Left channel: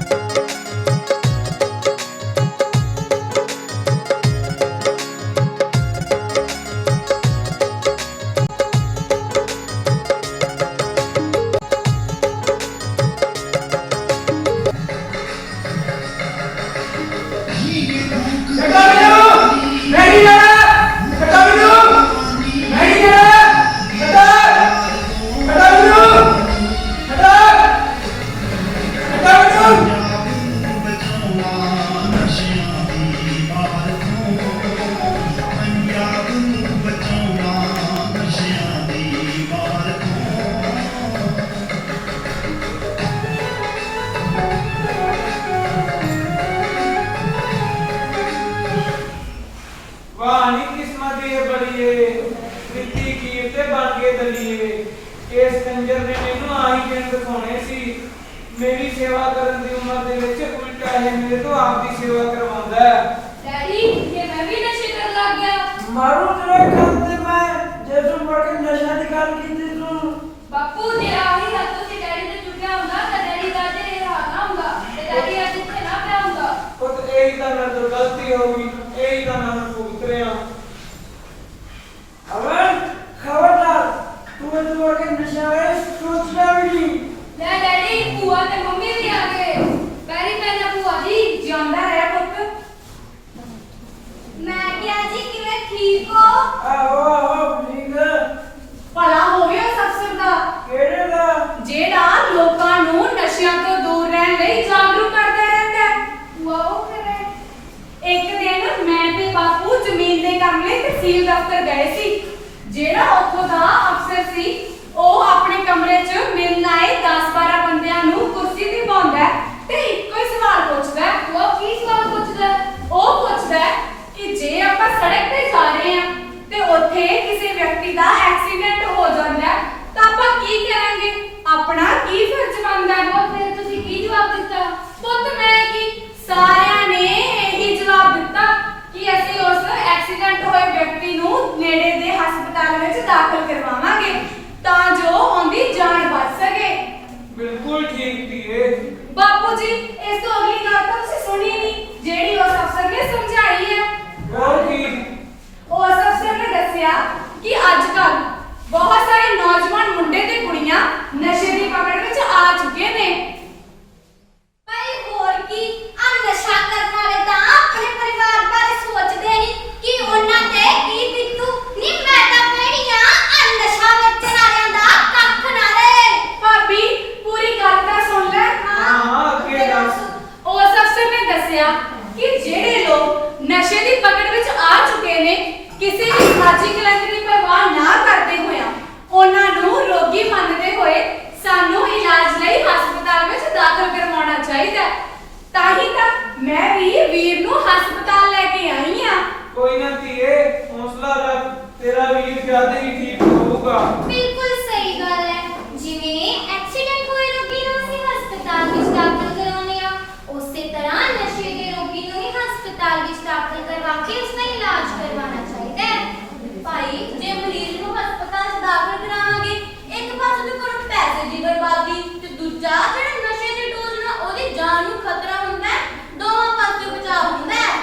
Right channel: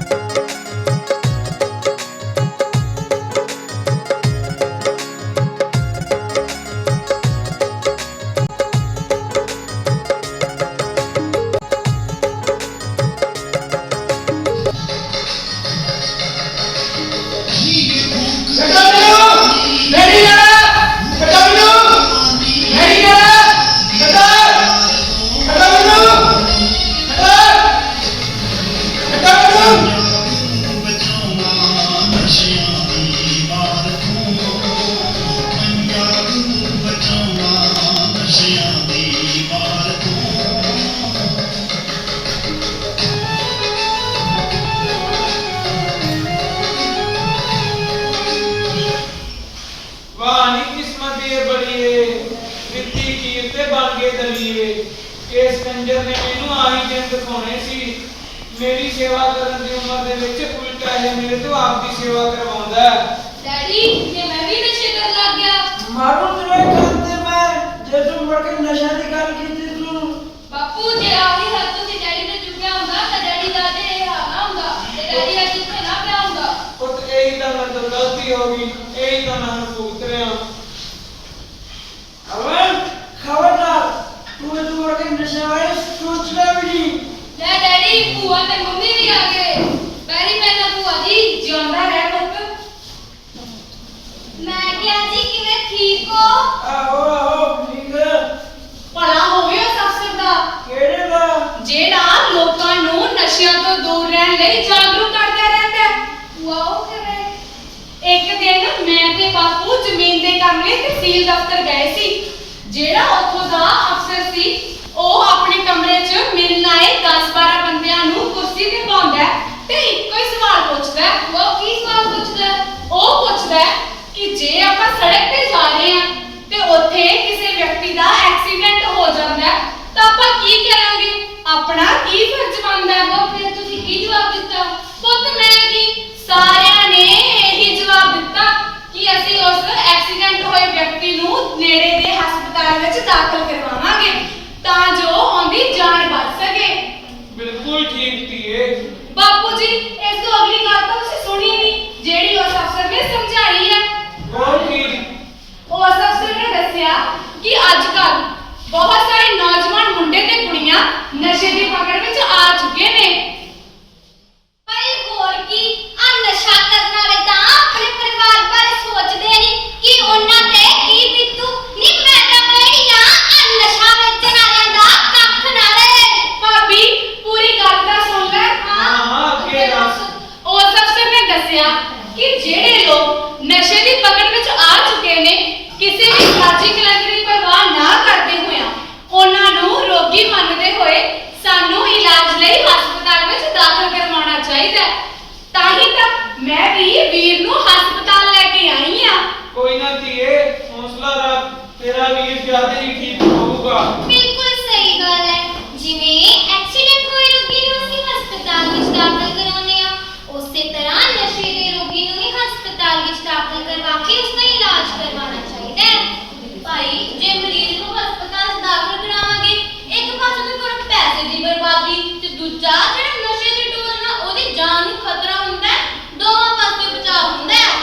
ਕੱਟਾ ਇਸ ਕੰਜਰ ਨੇ ਮੈਨੂੰ ਆਹੀ ਦਿਨ ਦਿਖਾਉਣੇ ਸੀ। ਮੇਰੀ ਸੇਵਾ ਕਰਨ ਦੀ ਉਮਰ ਦੇ ਵਿੱਚ ਉਲਟਾ ਇਹ ਮੇਰੇ ਤੋਂ ਆਪ ਦੀ ਸੇਵਾ ਕਰਵਾਉਂਦਾ ਹੈ। ਡੈਡੀ ਜੇ ਮੈਂ ਵੀ ਨਸ਼ੇ ਕਰਨ ਲੱਗ ਗਿਆ। ਮਾਰੂ ਤੇਰੇ ਖਾਤੇ ਮੈਂ ਜੇ ਤੂੰ ਮੁੜ ਕੇ ਨਸ਼ਾ ਦੀ ਗੱਲ ਕੀਤੀ ਤੂੰ। ਬਾਪੂ ਜੇ ਆਹੀ ਹੱਥ ਤੁਸੀਂ ਡੈਡੀ ਨੇ ਚੁੱਕਿਆ ਹੁੰਦਾ ਤਾਂ ਡੈਡੀ ਦਾ ਤੇ ਇਹ ਹਾਲ ਨਾ ਹੁੰਦਾ ਤੇ ਡੈਡੀ ਅੱਜ ਇੱਥੇ ਨਾ ਪਿਆ ਹੁੰਦਾ। ਪੁੱਤ ਇਹੀ ਤਾਂ ਮੇਰੇ ਤੋਂ ਗਲਤੀ ਹੋ ਗਈ ਇਹੀ ਤਾਂ ਮੈਂ ਭੁਗਤ ਰਿਹਾ। ਅਵਨ ਜ਼ਮੀਨ ਦੇ? ਕੰਮ ਲਈ ਤਹਿਸੀਲ ਦਫ਼ਤਰ ਗਏ ਸੀ। ਜਿਹੜਾ ਉੱਥੋਂ ਦਾ ਅਫਸਰ ਸੀ ਉਹ ਆਪਣੇ ਕਮਰੇ 'ਚ ਮਿਲਣ ਆਏ 10-12 ਬੰਦਿਆਂ ਨੂੰ ਕੁਰਸੀ ਤੇ ਪਾਉਂਦਾ ਹੈ ਤੇ ਇੱਕੋ ਹੀ ਸਵਾਲ ਪੁੱਛਦਾ ਹੈ। ਭੂਆ ਕੀ ਸਵਾਲ ਪੁੱਛਦਾ ਹੈ? ਉਹ ਪੁੱਛਦਾ ਹੈ ਕਿ ਜੇ ਆਪਾਂ ਸੜਕ ਤੇ ਜਾ ਰਹੇ ਹਾਂ ਤੇ ਉੱਥੇ ਕਿਸੇ ਵਿਅਕਤੀ ਦਾ ਐਕਸੀਡੈਂਟ ਹੋ ਜਾਂਦਾ ਹੈ, ਤਾਂ ਆਪਾਂ ਕੀ ਕਰਾਂਗੇ ਆਪਣਾ ਕੀ ਫਰਜ਼ ਬਣਦਾ ਹੈ ਭੂਆ ਫਿਰ ਤੁਸੀਂ ਕੀ ਜਵਾਬ ਦਿੱਤਾ ਪੁੱਤ ਮੈਂ ਕੀ ਸਾਰਿਆਂ ਨੇ ਇਹੀ ਜਵਾਬ ਦਿੱਤਾ ਕਿ ਅਸੀਂ ਉਸ ਐਕਸੀਡੈਂਟ ਹੋਏ ਵਿਅਕਤੀ ਨੂੰ ਨੇੜੇ ਦੇ ਹਸਪਤਾਲ ਵਿੱਚ ਦਾਖਲ ਕਰਵਾਵਾਂਗੇ ਤਾਂ ਜੋ ਉਹਦੀ ਜਾਨ ਬਚ ਸਕੇ। ਬਿਲਕੁਲ ਠੀਕ ਧੀਏ। ਬਾਪੂ ਜੀ ਇਸ ਤੋਂ ਅਗਲੀ ਗੱਲ ਤਾਂ ਤੁਸੀਂ ਸੁਣੀ ਨਹੀਂ ਜਿਹੜੀ ਉਸ ਅਫਸਰ ਨੇ ਸਮਝਾਈ ਹੈ ਹੋਰ ਕੀ? ਉਸ ਅਫਸਰ ਨੇ ਦੱਸਿਆ ਕਿ ਅੱਜ ਕੱਲ ਬਹੁਤ ਸਾਰੇ ਨੌਜਵਾਨ ਮੁੰਡੇ ਤੇ ਕੁੜੀਆਂ ਨਸ਼ੇ ਦੀ ਪਕੜ ਵਿੱਚ ਆ ਚੁੱਕੇ ਨੇ ਭਾਈ ਹੋਰ ਕੀ ਆ ਨਸ਼ਾ ਕਰਨ ਵਾਲੇ ਤਾਂ ਆਪਣੇ ਪਰਿਵਾਰ ਬਾਰੇ ਸੋਚਦੇ ਨਹੀਂ ਕਿ ਉਹਨਾਂ ਤੇ ਕੀ ਬੀਤੂ ਨਹੀਂ ਮੈਂ ਤਾਂ ਕਹਿਣੀ ਆ ਆ ਨਸ਼ਾ ਵੇਚਣ ਵਾਲਿਆਂ ਦਾ ਕੱਖ ਨਾ ਰਹੇ ਭਾਬੀ ਪੂਰੀ ਗੱਲ ਤਾਂ ਸੁਣ ਲੈ ਹਾਂ ਹਾਂ ਅੱਗੇ ਦੱਸ ਉਸ ਅਫਸਰ ਨੇ ਦੱਸਿਆ ਕਿ ਜਿਹੜੇ ਲੋਕ ਨਸ਼ੇ ਦੀ ਪਕੜ ਵਿੱਚ ਆ ਚੁੱਕੇ ਨੇ ਖਾਜੀ ਕਲੰਦਰੀ ਦੀ ਪਰਵਾਹ ਨਾ ਕਰਦੇ ਹੋਇਆ ਉਹਨਾਂ ਨੂੰ ਰੋਗੀ ਮੰਨਦੇ ਹੋਏ ਸਾਨੂੰ ਇਲਾਜ ਲਈ ਹਸਪਤਾਲ ਵਿੱਚ ਦਾਖਲ ਕਰਵਾਉਣਾ ਚਾਹੀਦਾ ਹੈ। ਤਾਂ ਹੀ ਤਾਂ ਮੈਂ ਵੀ ਵੀਰ ਨੂੰ ਹਸਪਤਾਲ ਲੈ ਕੇ ਆਈ ਆ ਕੋਈ ਨਾ ਧੀਏ ਹੌਸਲਾ ਰੱਖ ਤੇਰਾ ਵੀਰ ਜ਼ਿਆਦਾ ਹੀ ਠੀਕ ਹੋਊਗਾ। ਬਿਲਕੁਲ ਸਹੀ ਗੱਲ ਹੈ। ਜਿਵੇਂ ਐਕਸੀਡੈਂਟ ਹੋਏ ਰੋਗੀ ਨੂੰ ਅਸੀਂ ਹਸਪਤਾਲ ਵਿੱਚ ਦਾਖਲ ਕਰਾਉਂਦੇ ਆ ਉਸੇ ਤਰ੍ਹਾਂ ਨਸ਼ੇ ਦੇ ਰੋਗੀ ਨੂੰ ਵੀ ਹਸਪਤਾਲ ਵਿੱਚ ਦਾਖਲ ਕਰਵਾ ਕੇ ਉਸ ਦਾ ਇਲਾਜ ਕਰਵਾਉਣਾ ਚਾਹੀਦਾ ਹੈ ਭਾਈ ਜੇ ਮਰੀਜ਼ ਨੂੰ ਹਸਪਤਾਲ 'ਚ ਦਾਖਲ ਕਰਾਵਾਂਗੇ ਇੱਕ ਪਾਸੇ ਤੋਂ ਕਰੋ ਪੈਸੇ ਦੀ ਬਰਬਾਦੀ ਤੇ ਦੂਜਾ ਜਿਹੜਾ ਨਸ਼ੇ ਦੇ ਡੋਜ਼ ਨਾਲ ਉਹਦੀ ਜਾਨ ਨੂੰ ਖਤਰਾ ਹੁੰਦਾ ਹੈ ਦੋਵਾਂ ਪਾਸੇ ਬਚਾਅ ਹੁੰਦਾ ਹੈ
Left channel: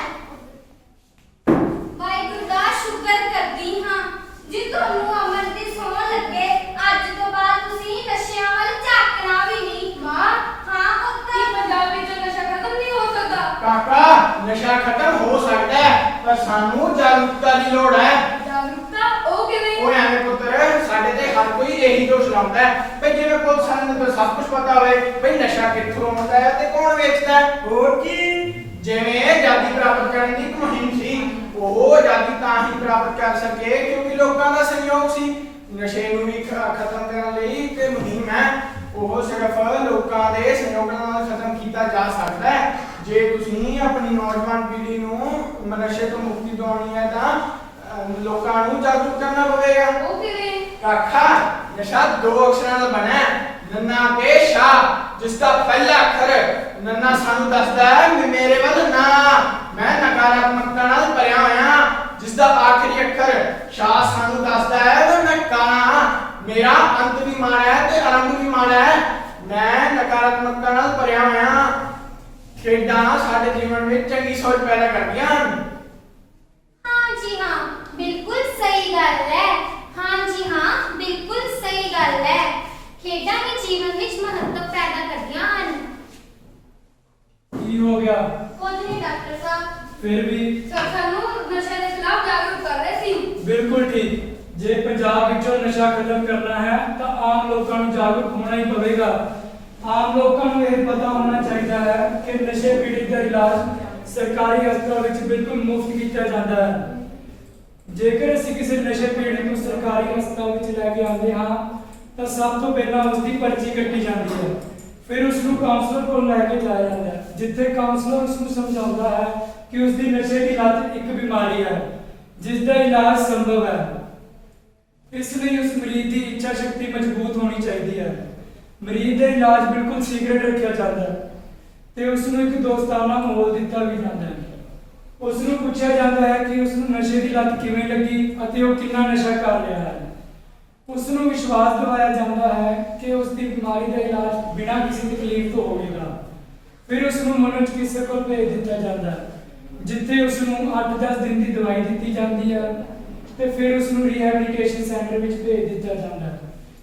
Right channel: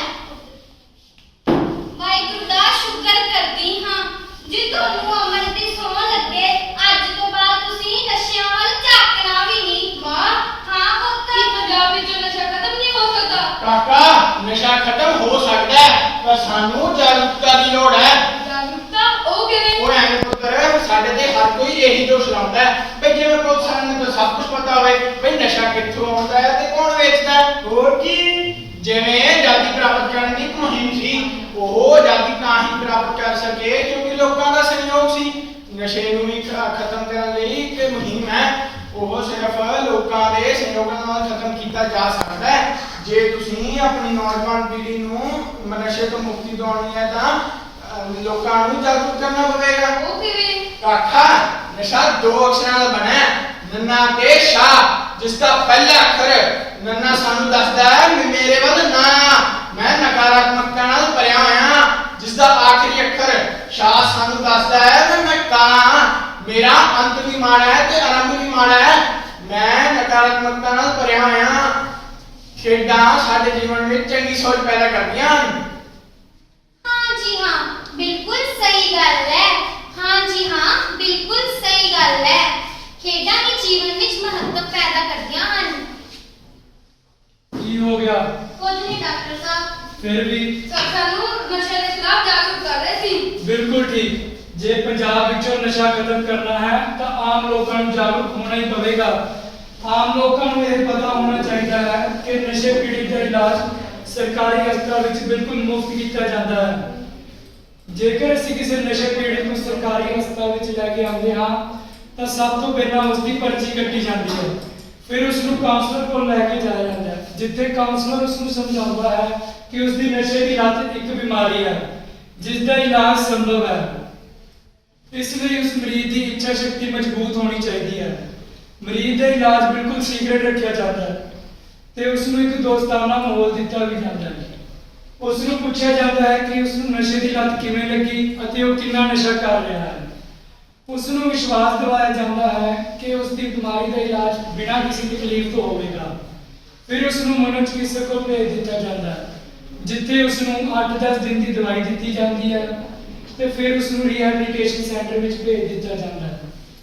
ਵਾਹਿਗੁਰੂ ਦਾ ਸ਼ੁਕਰ ਕਰਦੀ ਹਾਂ ਜੇ ਤੁਹਾਨੂੰ ਅਮਰ ਦੀ ਸੌਂ ਲੱਗੇ ਅੱਜ ਤੋਂ ਬਾਅਦ ਤੁਸੀਂ ਨਸ਼ਿਆਂ ਵੱਲ ਝਾਕਣਾ ਵੀ ਨਹੀਂ ਵਾਹ ਹਾਂ ਪੁੱਤ ਕੀ ਪੰਜਾਬ ਵਿੱਚ ਨਸ਼ਾ ਖਤਮ ਨਹੀਂ ਹੋ ਸਕਦਾ ਕਾਕਾ ਨਸ਼ਾ ਖਤਮ ਹੋ ਸਕਦਾ ਹੈ ਪਰ ਸਾਨੂੰ ਜਾਗਰੂਕਤਾ ਦੀ ਲੋੜ ਹੈ ਜਾਗਰੂਕਤਾ ਉਹ ਕਿਵੇਂ ਉਹ ਐਵੇਂ ਪੁੱਤਰ ਸਾਡੇ ਤੇ ਹਰ ਕੋਈ ਇਹੀ ਦੋਸ਼ ਲਾਉਂਦਾ ਹੈ ਭਈ ਜਿਵੇਂ ਪੁਲਿਸ ਨੂੰ ਤਾਂ ਸਭ ਕੁਝ ਪਤਾ ਹੋਵੇ। ਭਈ ਨਸ਼ਾ ਕਿੱਥੋਂ ਆਉਂਦਾ ਹੈ ਤੇ ਕੌਣ ਵੇਚਦਾ ਹੈ? ਹੋਰ ਕੀ? ਜਿਵੇਂ ਆਜ਼ਾਦੀ ਪ੍ਰਾਪਤ ਕਰਨ ਦੀ ਮੁਹਿੰਮ ਸੀ ਉਹ ਆਜ਼ਾਦੀ ਤਾਂ ਹੀ ਪ੍ਰਾਪਤ ਕਰ ਸਕੇ ਕਿਉਂਕਿ ਲੋਕਾਂ ਦਾ ਸਹਿਯੋਗ ਸੀ। ਨਸ਼ੇ ਨੂੰ ਵੀ ਖਤਮ ਕਰਨ ਲਈ ਇੱਕ ਮੁਹਿੰਮ ਹੈ। ਉਹ ਸਿਰਫ ਲੋਕਾਂ ਦੇ ਸਹਿਯੋਗ ਨਾਲ ਖਤਮ ਕੀਤਾ ਜਾ ਸਕਦਾ ਹੈ। ਜੇ ਤੁਸੀਂ ਆਪਣੀ ਨੌਜਵਾਨ ਪੀੜ੍ਹੀ ਨੂੰ ਨਸ਼ੇ ਤੋਂ ਮੁਕਤੀ ਦਿਵਾਉਣੀ ਹੈ ਤਾਂ ਲੋਕਾਂ ਨੂੰ ਜਾਗਰੂਕ ਕਰਨਾ ਪਵੇਗਾ। ਉਹ ਕਿਵੇਂ? ਕਾਕਾ ਨਸ਼ਾ ਦੋ ਅਕਸ਼ਰਾਂ ਨਾਲ ਬਣਿਆ ਹੈ। ਨੰਨਾ ਤੇ ਸ਼ਾ ਜਿਸ ਦਾ ਪਹਿਲਾ ਅੱਖਰ ਨੰਨਾ ਸਾਨੂੰ ਦੱਸਦਾ ਹੈ ਵੀ ਮੇਰੇ ਵੱਲ ਨਾ ਮੈਂ ਨਕਾਰਾਤਮਕਤਾ ਨਾਲ ਭਰਿਆ ਹੋਇਆ ਜਿਸ ਦਾ ਆਖਰੀ ਅੱਖਰ ਸ਼ਾ ਸਾਨੂੰ ਦੱਸਦਾ ਹੈ ਵੀ ਮੈਂ ਕਾਂ ਮੇਰਾ ਅੰਤ ਵੀ ਮਾੜਾ ਹੈ ਤੇ ਆਰੰਭ ਵੀ ਮਾੜਾ ਹੈ। ਮੈਂ ਨਕਾਰਾਤਮਕਤਾ ਖੇਡਾਂ ਸਾਡੇ ਜੀਵਨ ਵਿੱਚ ਚੰਗੀ ਸੋਚ ਪੈਦਾ ਕਰਦੀਆਂ ਹਨ। ਹਾਂ ਜੀ ਹਾਂ, ਬਿਲਕੁਲ ਸਹੀ ਗੱਲ ਹੈ ਹਾਂ ਜੀ ਹਾਂ ਬਿਲਕੁਲ ਸਹੀ ਗੱਲ ਹੈ ਖੇਡਾਂ ਵੀ ਜੀਵਨ ਵਿੱਚ ਮਹੱਤਵ ਪੈਦਾ ਕਰਦੀਆਂ ਹਨ। ਕੀ ਹੋ ਗਿਆ? ਕੁਝ ਨਹੀਂ ਡਾਕਟਰ ਸਾਹਿਬ। ਫਿਰ ਵੀ? ਸਰ ਸਾਨੂੰ ਨਸ਼ੇ ਦੇ ਖਿਲਾਫ ਜਾਗਰੂਕ ਕਰ ਰਹੇ ਸੀ। ਬਿਲਕੁਲ ਠੀਕ। ਜੇ ਪੰਜਾਬ ਵਿੱਚੋਂ ਨਸ਼ਾ ਖਤਮ ਕਰਨਾ ਹੈ ਤਾਂ ਆਮ ਲੋਕਾਂ ਨੂੰ ਜਾਗਰੂਕ ਹੋਣਾ ਹੀ ਪਵੇਗਾ। ਆਮ ਲੋਕਾਂ ਨੂੰ ਇਹ ਪਤਾ ਹੋਣਾ ਚਾਹੀਦਾ ਹੈ ਕਿ ਨਸ਼ੇ ਪੀੜਤ ਦਾ ਇਲਾਜ ਸਰਕਾਰੀ ਹਸਪਤਾਲ ਵਿੱਚ ਬਿਲਕੁਲ ਮੁਫਤ ਕੀਤਾ ਜਾਂਦਾ ਹੈ। ਜੇਕਰ ਅਸੀਂ ਕਿਸੇ ਨਸ਼ੇ ਪੀੜਤ ਨੂੰ ਸਰਕਾਰੀ ਹਸਪਤਾਲ ਵਿੱਚ ਲੈ ਕੇ ਆਉਂਦੇ ਹਾਂ ਤਾਂ ਸਭ ਤੋਂ ਪਹਿਲਾਂ ਉਸ ਦੀ ਪਰਚੀ ਕੱਟੀ ਜਾਂਦੀ ਹੈ। ਫਿਰ ਉਸ ਨੂੰ ਕਾਉਂਸਲਰ ਕੋਲ ਲੈ ਕੇ ਜਾਇਆ ਜਾਂਦਾ ਹੈ, ਜਿੱਥੇ ਕਾਉਂਸਲਰ ਉਸ ਨੂੰ ਸਮਝਾਉਂਦਾ ਹੈ ਕਿ ਉਸ ਦੀ ਨਸ਼ੇ ਦੀ ਲੱਤ ਇੱਕ ਬਿਮਾਰੀ ਹੈ ਜਿਸ ਦਾ ਇਲਾਜ ਸੰਭਵ ਹੈ। ਇਸ ਲਈ ਉਸ ਮਰੀਜ਼ ਦੀ ਇੱਛਾ ਸ਼ਕਤੀ ਮਜ਼ਬੂਤ ਹੋਣੀ ਚਾਹੀਦੀ ਹੈ। ਮਰੀਜ਼ ਦਾ ਇਲਾਜ ਬਿਲਕੁਲ ਸੀਕ੍ਰੇਟ ਰੱਖਿਆ ਜਾਂਦਾ ਹੈ ਤੇ ਉਸ ਨੂੰ ਇੱਕ ਦੋਸਤਾਨਾ ਮਾਹੌਲ ਦਿੱਤਾ ਵੀ ਜਾਂਦਾ ਹੈ। ਉਸ ਨੂੰ ਪੁੱਛਿਆ ਜਾਂਦਾ ਹੈ ਕਿ ਉਸ ਨੂੰ ਨਸ਼ੇ ਦੀ ਲੱਤ ਕਿਵੇਂ ਲੱਗੀ ਅਤੇ ਉਹ ਕਿੰਨਾ ਨਸ਼ਾ ਕਰ ਰਿਹਾ ਹੈ। ਉਸ ਨੂੰ ਵਿਸ਼ਵਾਸ ਦਿਵਾਇਆ ਜਾਂਦਾ ਹੈ ਕਿ ਉਸ ਦੀ ਬਿਮਾਰੀ ਦਾ ਇਲਾਜ ਬਿਨਾਂ ਕਿਸੇ ਤਕਲੀਫ ਤੋਂ ਹੋਵੇਗਾ। ਫਿਰ ਉਸ ਨੂੰ ਮਨੋ ਚਿਕਿਤਸਕ ਕੋਲ ਭੇਜ ਦਿੱਤਾ ਜਾਂਦਾ ਹੈ, ਜਿੱਥੇ ਉਸ ਨੂੰ 8-10 ਦਿਨ ਦੀ ਦਵਾਈ ਦਿੱਤੀ ਜਾਂਦੀ ਹੈ ਤੇ ਫਿਰ ਉਸ ਨੂੰ ਰੀਹੈਬਿਲਿਟੇਸ਼ਨ ਸੈਂਟਰ ਵਿੱਚ ਭੇਜ ਦਿੱਤਾ ਜਾਂਦਾ ਹੈ,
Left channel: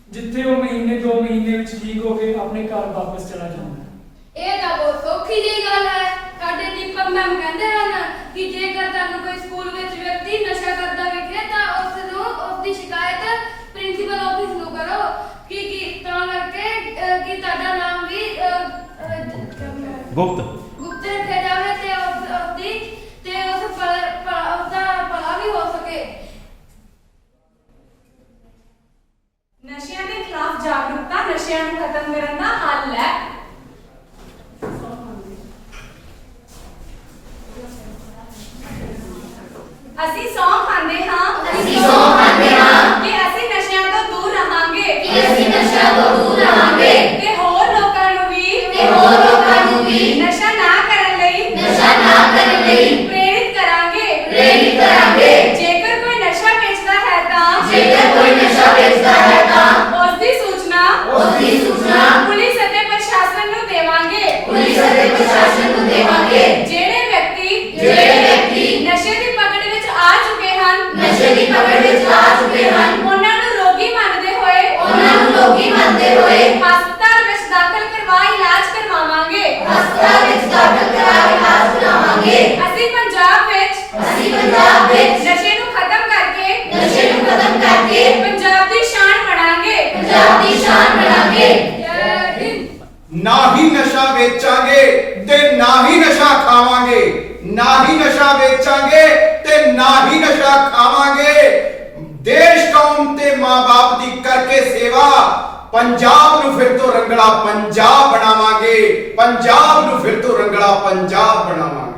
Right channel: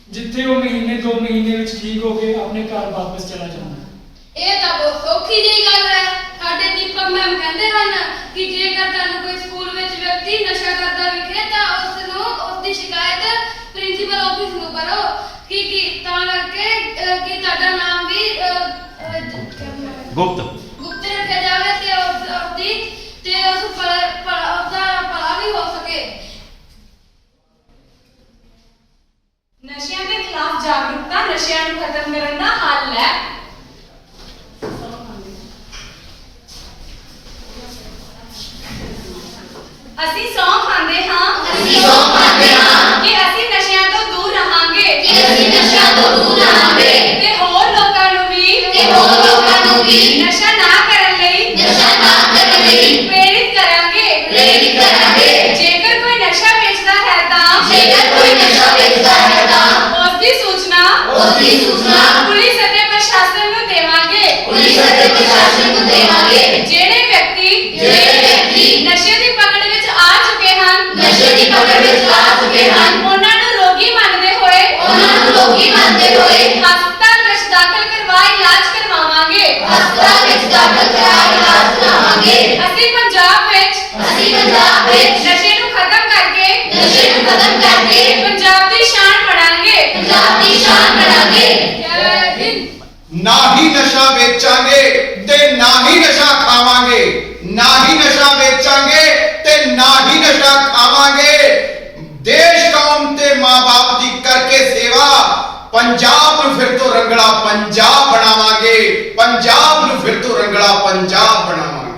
ਜਿੱਥੇ ਉਹ ਮਹੀਨੇ 2 ਮਹੀਨੇ ਵਿੱਚ ਠੀਕ ਹੋ ਕੇ ਆਪਣੇ ਘਰ ਵਾਪਸ ਚਲਾ ਜਾਂਦਾ ਹੈ। ਇਹ ਤਾਂ ਬਹੁਤ ਸੌਖੀ ਜਿਹੀ ਗੱਲ ਹੈ। ਸਾਡੇ ਦੀਪਕ ਮੈਮ ਕਹਿੰਦੇ ਹਨ ਕਿ ਜੇਕਰ ਤੁਹਾਨੂੰ ਕੋਈ ਸਕੂਲ ਵਿੱਚ ਵਿਅਕਤੀ ਨਸ਼ਾ ਕਰਦਾ ਵਿਖੇ ਤਾਂ ਉਸ ਨੂੰ ਉਸ ਦੀ ਸ਼ਿਕਾਇਤ ਪ੍ਰਿੰਸੀਪਲ ਆਫਿਸ ਨੂੰ ਕਰੋ ਕਿ ਕਿ ਤਾਂ ਕਰਕੇ ਕਿ ਤੁਹਾਡਾ ਨਾਮ ਵੀ ਅਹ, ਅਹ, ਗੁਪਤ ਗੁਪਤ ਰੱਖਿਆ ਜਾਵੇ ਤੇ ਉਸ ਉਸ ਦੀ ਤੇ ਉਸ ਭਲਾ ਭਲਾ- ਉਸਦਾ ਭਲਾ ਵੀ ਹੋ ਸਕੇ ਨਸ਼ਿਆਂ ਦੇ ਖਿਲਾਫ ਜਾਗਰੂਕਤਾ ਨਸ਼ਿਆਂ ਨੂੰ ਖਤਮ ਕਰਨ ਦਾ ਹੱਲ ਹੈ ਅਸੀਂ ਸੌਂ ਖਾਂਦੇ ਹਾਂ ਅਸੀਂ ਸਹੁੰ ਖਾਂਦੇ ਹਾਂ ਕਿ ਅਸੀਂ ਨਸ਼ਿਆਂ ਤੋਂ ਦੂਰ ਰਹਾਂਗੇ ਕਿ ਅਸੀਂ ਨਸ਼ਿਆਂ ਤੋਂ ਦੂਰ ਰਹਾਂਗੇ ਤੇ ਹੋਰ ਲੋਕਾਂ ਨੂੰ ਵੀ ਤੇ ਹੋਰ ਲੋਕਾਂ ਨੂੰ ਵੀ ਨਸ਼ਾ ਨਾ ਕਰਨ ਲਈ ਨਸ਼ਾ ਨਾ ਕਰਨ ਲਈ ਪ੍ਰੇਰਿਤ ਕਰਾਂਗੇ। ਪ੍ਰੇਰਿਤ ਕਰਾਂਗੇ। ਜੇਕਰ ਕੋਈ ਨਸ਼ਾ ਵੇਚਦਾ ਹੈ ਤਾਂ ਜੇਕਰ ਕੋਈ ਨਸ਼ਾ ਵੇਚਦਾ ਹੈ ਤਾਂ ਉਸ ਦੀ ਸੂਚਨਾ ਉਸ ਦੀ ਸੂਚਨਾ ਪੁਲਿਸ ਅਤੇ ਪ੍ਰਸ਼ਾਸਨ ਨੂੰ ਦੇਵਾਂਗੇ। ਪੁਲਿਸ ਅਤੇ ਪ੍ਰਸ਼ਾਸਨ ਨੂੰ ਦੇਵਾਂਗੇ। ਜਿਹੜੇ ਵਿਅਕਤੀ ਜਿਹੜੇ ਵਿਅਕਤੀ ਨਸ਼ੇ ਦੀ ਪਕੜ ਵਿੱਚ ਆ ਚੁੱਕੇ ਹਨ ਨਸ਼ੇ ਦੀ ਪਕੜ ਵਿੱਚ ਆ ਚੁੱਕੇ ਹਨ ਉਹਨਾਂ ਨੂੰ ਰੋਗੀ ਮੰਨਦੇ ਹੋਏ ਉਹਨਾਂ ਨੂੰ ਰੋਗੀ ਮੰਨਦੇ ਹੋਏ ਹਸਪਤਾਲ ਵਿੱਚ ਦਾਖਲ ਕਰਵਾ ਇਲਾਜ ਕਰਵਾਵਾਂਗੇ ਹਸਪਤਾਲ ਵਿੱਚ ਦਾਖਲ ਕਰਾ ਇਲਾਜ ਕਰਾਵਾਂਗੇ ਅਸੀਂ ਪੰਜਾਬ ਵਿੱਚ ਅਸੀਂ ਪੰਜਾਬ ਵਿੱਚ ਨਸ਼ੇ ਨੂੰ ਖਤਮ ਕਰਕੇ ਨਸ਼ੇ ਨੂੰ ਖਤਮ ਕਰਕੇ ਪੰਜਾਬ ਦੀ ਸ਼ਾਨ ਬਣਾਂਗੇ ਪੰਜਾਬ ਦੀ ਸ਼ਾਨ ਬਣਾਂਗੇ ਜੈ ਹਿੰਦ ਨਾ ਹੀ ਨਸ਼ਾ ਵੇਚਾਂਗੇ ਤੇ ਨਾ ਹੀ ਨਸ਼ਾ ਖਾਵਾਂਗੇ ਨਾ ਹੀ ਨਸ਼ਾ ਵੇਚਾਂਗੇ ਤੇ ਨਾ ਹੀ ਨਸ਼ਾ ਖਾਵਾਂਗੇ ਦੇਸ਼ ਕੌਮ ਤੇ ਮਾਂ-ਬਾਪ ਦੀ ਕਰਕੇ ਸੇਵਾ ਪੰਜਾਬ ਨੂੰ ਫਿਰ ਤੋਂ ਰੰਗਲਾ ਪੰਜਾਬ ਬਣਾਵਾਂਗੇ। ਪੰਜਾਬ ਨੂੰ ਫਿਰ ਤੋਂ ਰੰਗਲਾ ਪੰਜਾਬ ਬਣਾਵਾਂਗੇ।